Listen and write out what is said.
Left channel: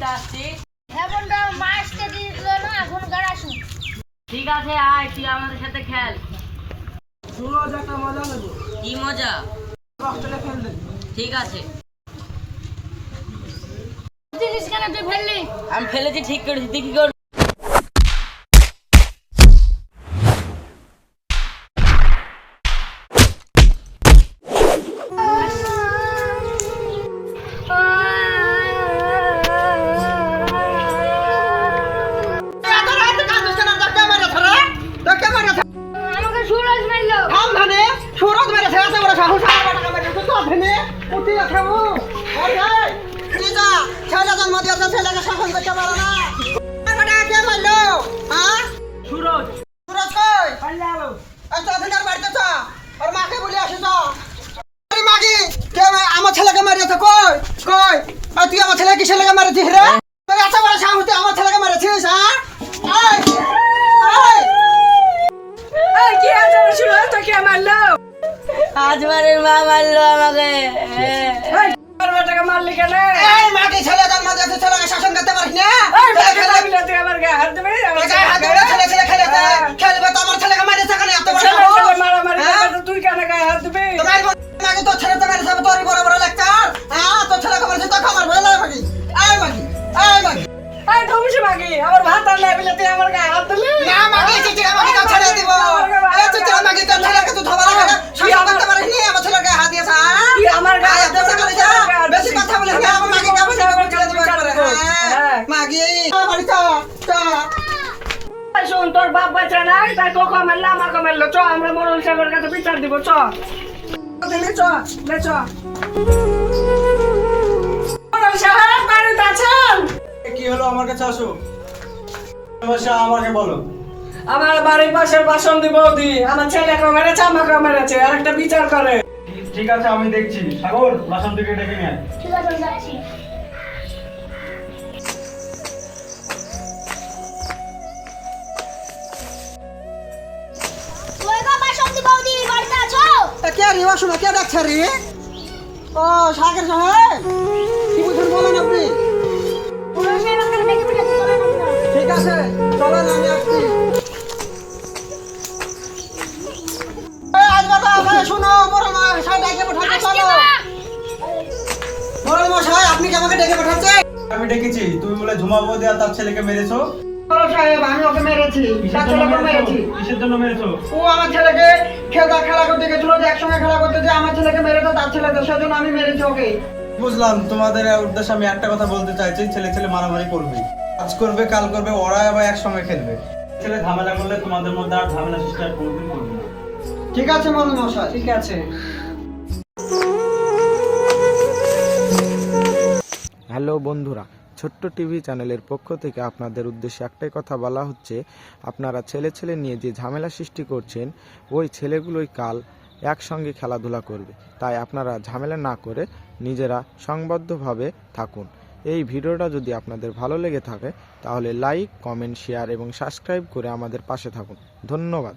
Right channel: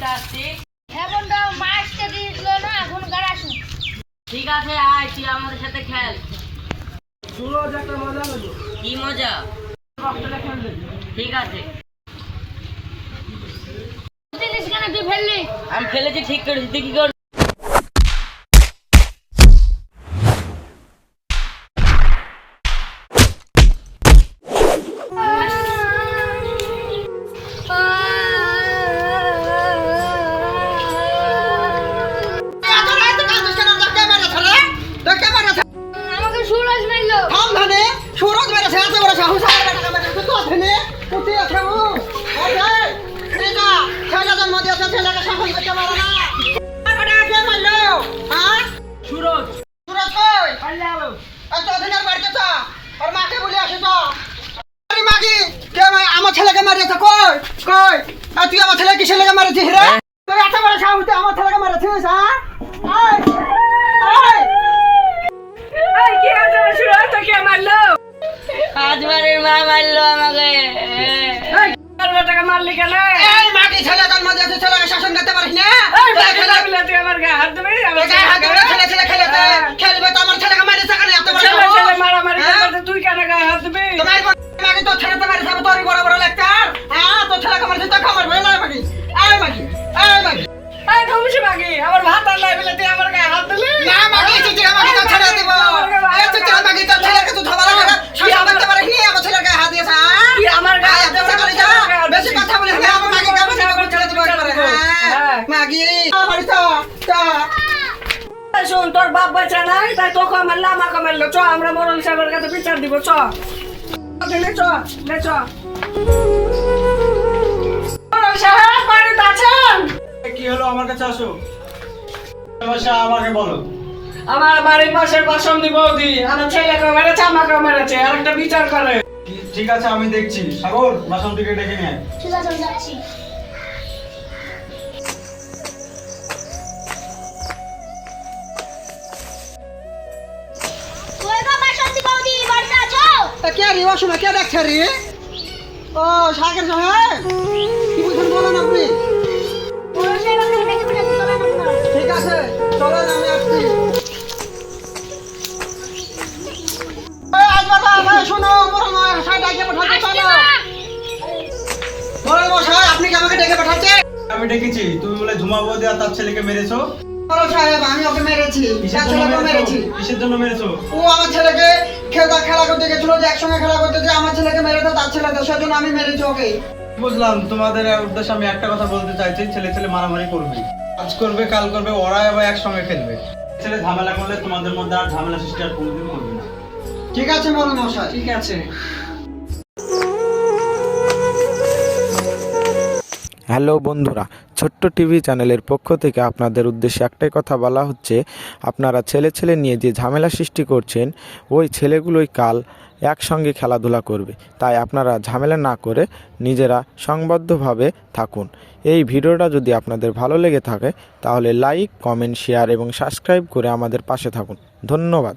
হ্যাঁ বন্ধু, মা আসতে দিল না, এখন ঘরে আসুন। ঠিক আছে, আয় তুই আমাদের সাথে খেল। সুরজ একটা মজা নেবো। কি মজা? কষ্টটা খেলবে। ঠিক আছে। জিনিস কেন তুই ফেললি? আমি ফেলেছি, ঠিক করেছি, তুই কি করবি? আমাকে সুরজ মারলো। সুরজ মেরেছে এত বড় সাহস ছেলে জন্ম দিয়েছে, ছেলেকে শাসন করতে পারে না। কে মারলো? হ্যাঁ, সুরজ। সুরজ কই? অধিনার বাড়িতে তো আর মাকে বলে আসিস। আরে মাগি, কে আমার ছেলেকে মারিয়েছে? কই কই? আর তুই আমার ছেলে কি ছেলেকে মারিছিস রে? তুই এত বড় সাহস তুই আমার ছেলেকে মারিছিস? হ্যাঁ, কি আছে সুরজ, তো কে মারলো? আজ বাড়ির মা মারলো আমাকে। টাকা মারলি কেন? এই মাগি, ছেলে জন্ম দিয়েছে, ছেলেকে শাসন করতে পারিস না? তুই আমার গায়ে হাত দেবে? ছেলে খেলবে তো আমার ছেলেকে মারিয়েছে কেন? এত বড় ছেলে সাহস? মারামারি করতে তুই কেন গায়ে হাত দিবি? তোমার মাগি তোর ছেলে তো মারিয়েছে, তোরই বড় বড় লেকচার। হ্যাঁ, তোর ছেলেকে মারিয়েছে তো খবর বলে নাই মাগি। এই মাগি, এই মাগি। এই ধমিছি মাগি, আমার ভাত আর নাই বলে তুই আমার গায়ে হাত দিলি? না মাগি, চিচিরা মাগি তো ছেড়ে দিব। এই চিচিরা মাগি তোর ছেলেকে তুই ধরা লাগে না, শাসন করতে পারিস নি, আমার ছেলেকে হাত দিয়েছে। কি আমার গায়ে এত বড় করে যা, বেশি কথা বলিস না, আমার মাগি গাবে ছেড়ে দিব একবারে। হ্যাঁ, মাগি বাড়ি তো শোন, তোর বাপ বাচ্চা নাই, তাই তোকে মারলো আমাকে মারলো। চ, আমরা মরল সাহেবের কাছে বিচার দিব। চ দিলে চ, লে চ। মরল সাহেব বাড়িতে আছেন? কি হলো? আমার কাছে আসো। সমস্যা আমাকে বলো। আমার বাড়ির পাশের বাসন্তী বৌদি আমার ছেলেকে মেরেছে, আমাকে মেরেছে, আর একটা বিচার করে। ঠিক আছে, আমি দেখছি। সাগর, বাসন্তীকে ডেকে নিয়ে আয়। ঠিক আছে, আমি যাচ্ছি। কই গো বাসন্তী বৌদি, বাড়িতে আছো? কে রে? অসমা কে দেখছে রে? ও সাগর সাহেব, কি বলছেন বলেন আপনি? সুরজ সাহেব আমাকে ডেকে পাঠাচ্ছে, চলো না। ঠিক আছে, চলেন আমি আসছি। শোনো, বড় মশাই ডেকে পাঠাচ্ছে, আসছি চলো। মা। বড় মশাই, আপনি কি আমাকে ডেকে পাঠাচ্ছেন? আমি ডেকেছি। তুমি বলে ঝুমা বৌদি আর তার ছেলেকে মেরেছো। বড় সাহেব, আমি ওকে মেরেছি, কিসের তার জন্য ছেলেকেও মেরেছো? মেরেছি। কিসের জন্য মেরেছো? ও আমার ছেলেকে খেলা করতে গেছিল, যে একসঙ্গে খেলা করতে, যে আমার ছেলেকে মেরেছে তার ছেলেকে, সেজন্য আমি মেরেছি ওকে। বুঝলাম। তোমাদের উদ্দেশ্যে আমি একটা কথা বলতে চাইছি, ছেলে ছেলে মারামারি করবে, আজ করবে, কাল করবে, ওরা আবার একসঙ্গে খেলবে। ছেলে ঝামেলা করলে তোমাদের মধ্যে আর ঝামেলা সৃষ্টি আর কোনোদিন করবে না। ঠিক আছে বড় মশাই। ঠিক আছে। হ্যালো বন্ধুরা, ছোট্ট টিভি চ্যানেলের পক্ষ থেকে আপনাদের উদ্দেশ্যে একটাই কথা বলা হচ্ছে, আপনারা ছেলে ছেলে নিয়ে যে ঝামেলা সৃষ্টি করছেন, ওই ছেলেগুলোই কাল একসঙ্গে খেলাধুলা করবে। তাই আপনারা ঝামেলা না করে নিজেরা সংবদ্ধভাবে থাকুন। এই ভিডিওটা যদি আপনাদের ভালো লেগে থাকে তাহলে লাইক, কমেন্ট, শেয়ার এবং সাবস্ক্রাইব করে আমাদের পাশে থাকুন। ধন্যবাদ।